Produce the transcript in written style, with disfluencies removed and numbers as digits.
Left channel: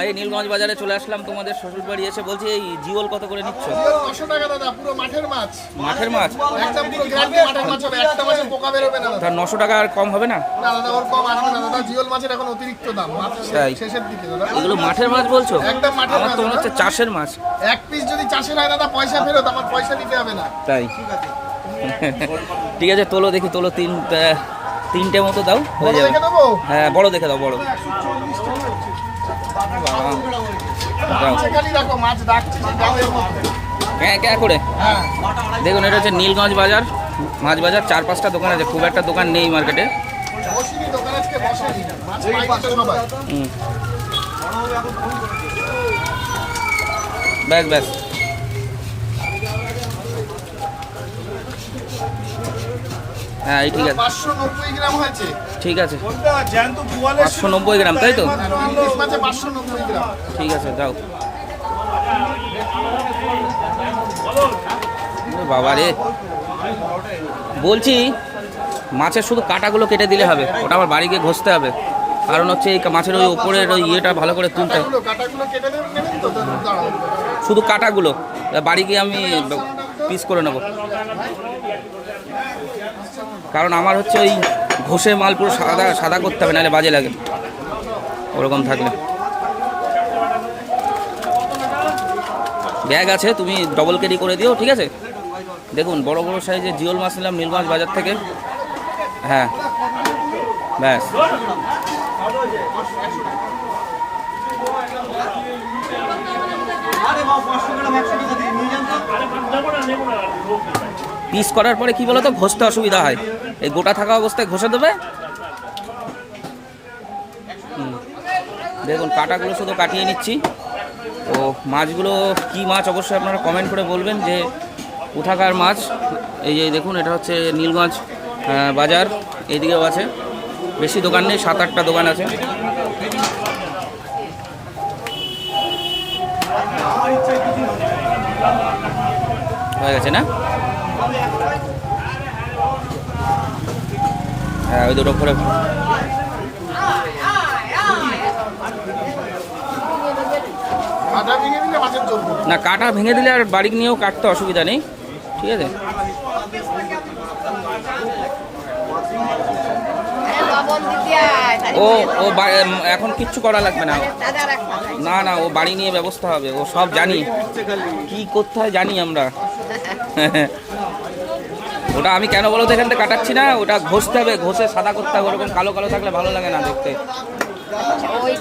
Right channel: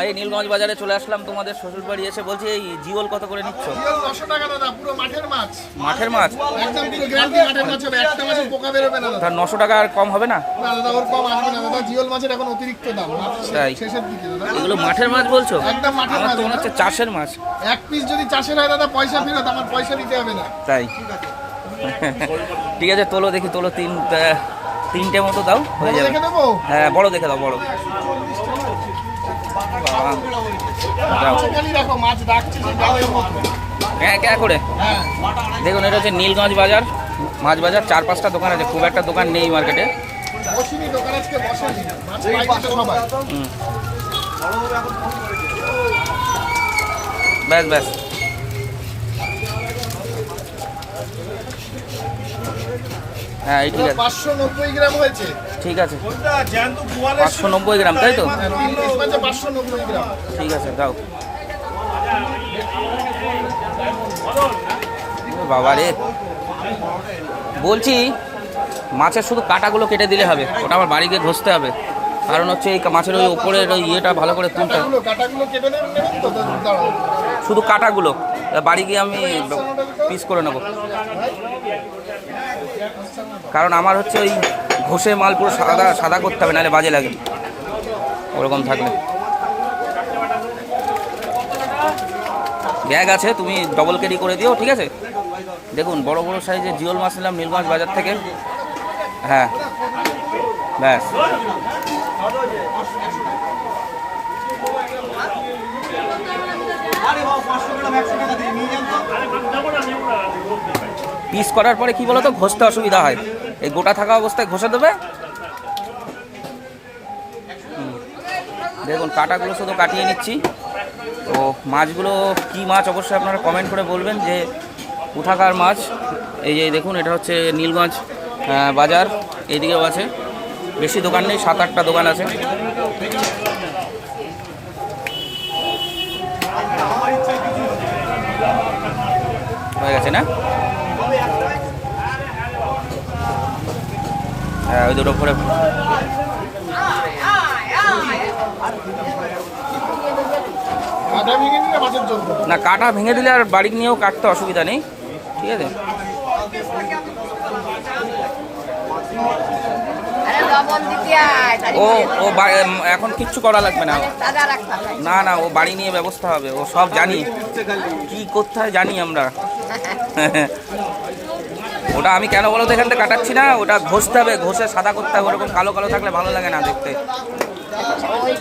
এই নীলগঞ্জ বাজারে চলে আসলাম তোমাদের শ্বশুর বাড়ি এসে। বলছি এই জিওল কত করে নিচ্ছ? 900 টাকা দাদা, পুরো মাঠের মাছ। মাঠের মাছ একদম পুরো গ্যারান্টি মাঠের মাছ হবে, একটা মাছের পোকা বের হবে না দাদা। তার 900 টাকা আর কম হবে না? না দাদা, ওর কম আসবে না দাদা, জিওল মাছের এখন অতিরিক্ত দাম, তাই শেষের দিকে দাদা। এগুলো মাঠের মাছ বলছো? একদম মাঠের আমার মাছ। তো মনে হচ্ছে চাষের মাছ। এক পিস যদি চাষের হয় দাদা, পয়সা ফেরত, আমার পয়সা দিতে হবে না। তাই ঠিক আছে, তোলো দেখি, তোলো তিনটে মতো দাও, হয়ে যাবে। দেখে দেবো? হ্যাঁ বড় দেখে দাও, বড়। দাও। দেখো মাছ ডাকছে যে গালের মতো। হ্যাঁ কে করে। হ্যাঁ দেখুন এটা হচ্ছে নীলগঞ্জ বাজার, মাছ বাজার। 4-5টা দোকান আছে, খুব একটা দোকান নেই মার্কেটে। বসিনি দোকান, আজকে বসেনি, মাছ পাইছে সবাই। ব্যাস ব্যাস। হ্যাঁ এই ঠিক আছে, 590 গ্রাম হয়েছে। ঠিক আছে 590 গ্রাম, তাই তো? ইলিশ মাছে 590 গ্রাম। ঠিক আছে দাও। ও বাবা রে, বলছি মাছের শুধু কাঁটাগুলো কেটে দিলে হবে, ওটা আমার বাড়ি গিয়ে ঘষতে হবে। কারণ হচ্ছে এই মাছের ওই উপরের ওই ইয়েটা ভালো করে তুলতে হবে। কাটাগুলো কেটে নেবেন তো দাঁড়াও। শুধু কাঁটাগুলো বাড়ি গিয়ে আমি পিস করে নেব, কারণ আমার হচ্ছে ওই ঘষে মাল পুরো সাদা সাদা করতে হবে, নাহলে বাজে লাগে ওরকম থাকলে। ব্যাগ আছে, তুমি ডবল ক্যারি করে দিও, ঠিক আছে? দেখুন বড় বড় সাইজের জিওল মাছ নিলাম নীলগঞ্জ বাজার থেকে। হ্যাঁ ব্যাস। পিস করার পরে কি বলতো, ঘষতে অসুবিধা হয়, এই গোটা থাকা অবস্থায় ঘষে দেবে। দেখুন কাঁটাগুলো শুধু কাটিয়ে নিচ্ছি। তো মাছগুলো কি মাছ অবশ্যই আপনারা কমেন্ট করে বলবেন যে কোথাকার মাছ। এই যে দেখুন এটা হচ্ছে নীলগঞ্জ বাজার, এইদিকেও আছে, বেশি দোকান নেই, 7-8টা দোকান আছে। হয়ে গেছে না? হ্যাঁ ওই দুটো করে। না কাটা ভেঙে দিলে আর বাড়ি নিয়েও কাটতে অসুবিধা নেই, ঠিক আছে? ও ও এখন কিচ্ছু করা লাগবে না, না না, ও বাড়ি নিয়ে ব্যবস্থা হবে, ও সব জানি কি করতে হয়, জানি আমরা। ওটা আমি কেন বলো তো এখান থেকে কাটাচ্ছি না, ওটা ঘষতে হবে, ঘষে সাদা করতে হবে, ওরকম কালো কালো থাকলে ভালো লাগে না দেখতে।